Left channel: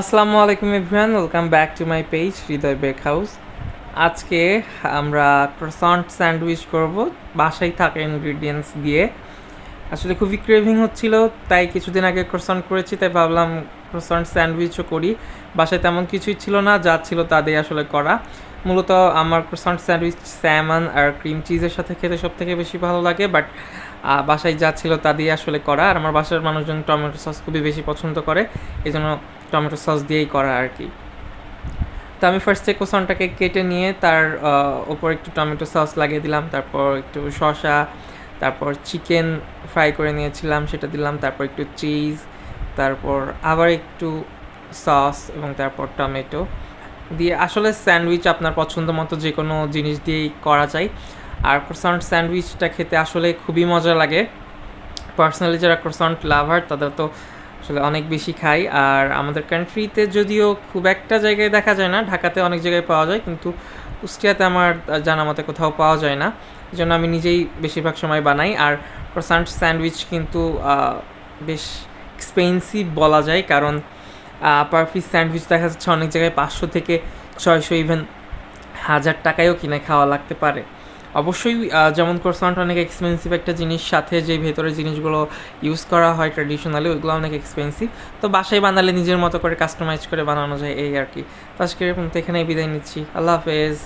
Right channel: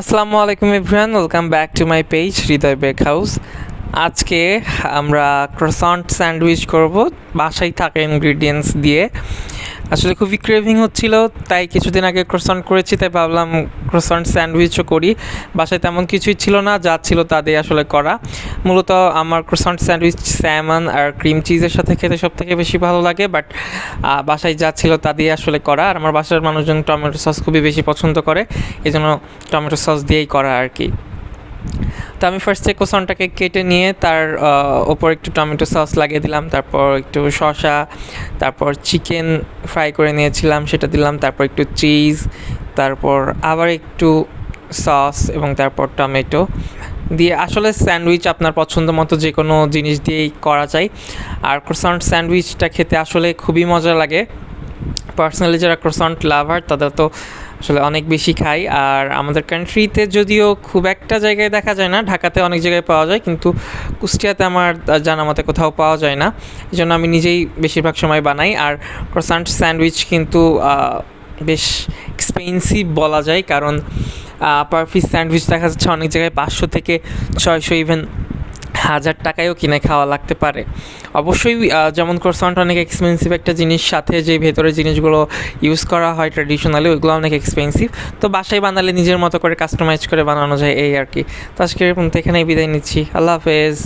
আসসালামু আলাইকুম everyone, welcome back to my page, Hridoy bake house আজকে আমরা ক্রসান্ট স্যান্ডউইচ করব। বাসায় থাকা ইনগ্রিডিয়েন্টস দিয়ে আসলে খুবই ক্রেভিং হচ্ছিল, তাই কিছুদিন আগে ক্রসান্ট করেছি, তাই ভাবলাম ক্রসান্ট স্যান্ডউইচও করি। বাসায় তেমন কিছুই ছিল না, যা ছিল তা দিয়ে আসলে করা। মূলত আমার ক্রসান্ট স্যান্ডউইচ স্যামন আর ক্রিম চিজের সাথে খেতে সব থেকে বেশি ভালো লাগে বাট বাসায় যা ছিল তা দিয়ে আসলে করা। আর আমার বাসার মানুষজন টমেটো সস খুবই বেশি পছন্দ করে এই জন্য টমেটো সস দিয়েই করা আর কি। তো আমি ফার্স্টে কোসনটাকে কেটে নিয়ে তার ওপর একটু টমেটো সস লাগিয়ে দিলাম, তারপর একটু শসা, তারপর চিকেন ফ্রাই করে নিয়েছিলাম, সেটা দিলাম, তারপর একটু চিজ তারপর আবার একটু সস এবং তারপর টমেটো দিয়ে আসলে স্যান্ডউইচ আপনার পছন্দ মতো যে কোনো জিনিস দিয়েই করা যায়। আর ক্রোসন্ট স্যান্ডউইচটা খেতে আসলে খুবই মজা লাগে। পার্সোনালি যারা ক্রোসন্ট লাভার তাদের তো আসলে অনেক বেশি খাই। আর আমাদের কান্ট্রিতে যদিও খুব একটা জায়গায় দেখা যায় না, ঢাকাতে অনেক জায়গায় পাওয়া যায়, কিন্তু কুষ্টিয়াতে আমার জানা মতে কোথাও পাওয়া যায় না। এই জন্য আমি নিজেই বেশিরভাগ সময় বানাই। আর ক্রোসান্ট স্যান্ডউইচ কিন্তু বেশ এক্সপেন্সিভ বলা যায়। কারণ পার পিস স্যান্ডউইচ দেখা যাচ্ছে অনেক জায়গায় পাঁচশো থেকে ছয়শো ইভেন হাজার টাকায়ও কিনে খাওয়া লাগতে পারে। অবশ্যই যেমন ক্রোসান্ট অনেক এক্সপেন্সিভ একটা জিনিস, সাথে যে ভেতরের জিনিসগুলো ইউজ করা হয় ট্র্যাডিশনালি ওইগুলো অনেক এক্সপেন্সিভ তো বাসায় বানালে নিজের মতো করে কাস্টমাইজ করে বানানো যায় এই আর কি। তো আজকে এরকম এখানেই বিদায় নিচ্ছি। আল্লাহ হাফেজ।